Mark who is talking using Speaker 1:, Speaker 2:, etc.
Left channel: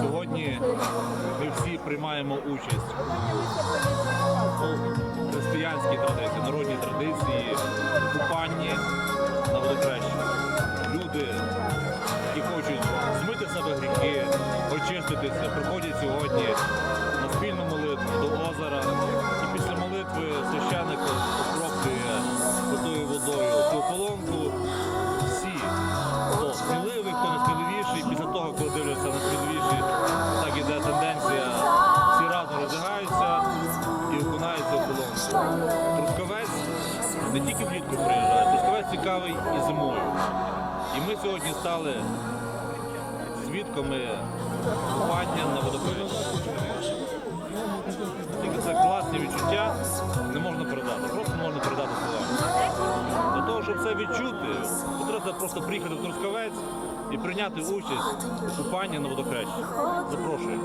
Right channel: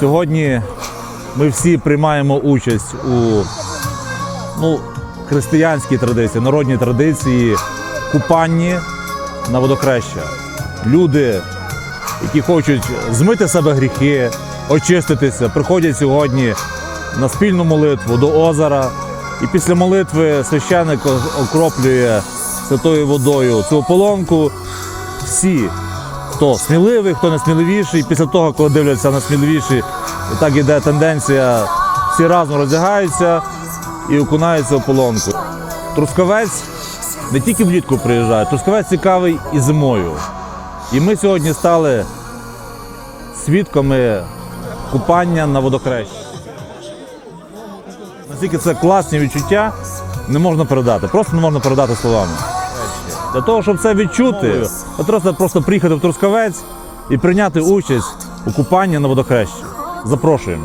Speaker 1: Сьогодні ми всі приймаємо участь у ну, християнській традиції, народній традиції купанні на водохреща. Люди, які хочуть змити себе гріхи, очиститися, приходять сьогодні на спільну молитву до озера. І після молитви священик окроплює святою водою цю ополонку. Всі, хто сміливий, хто не сміливіший, після того, коли дивляться на сміливіші, так іде тенденція, всі разом роздягаються і окунаються в полонку. Трускавець не тільки влітку приїжджає, Трускавець цікавий і зимою. І ми сьогодні стали свідками купання на водохрещі. Наскільки це класні відчуття, не можна передати. Просто не можна передати словами. Для того, щоб це відчути, потрібно просто приїхати в Трускавець і прийняти участь у купанні на водохрещі. Запрошуємо.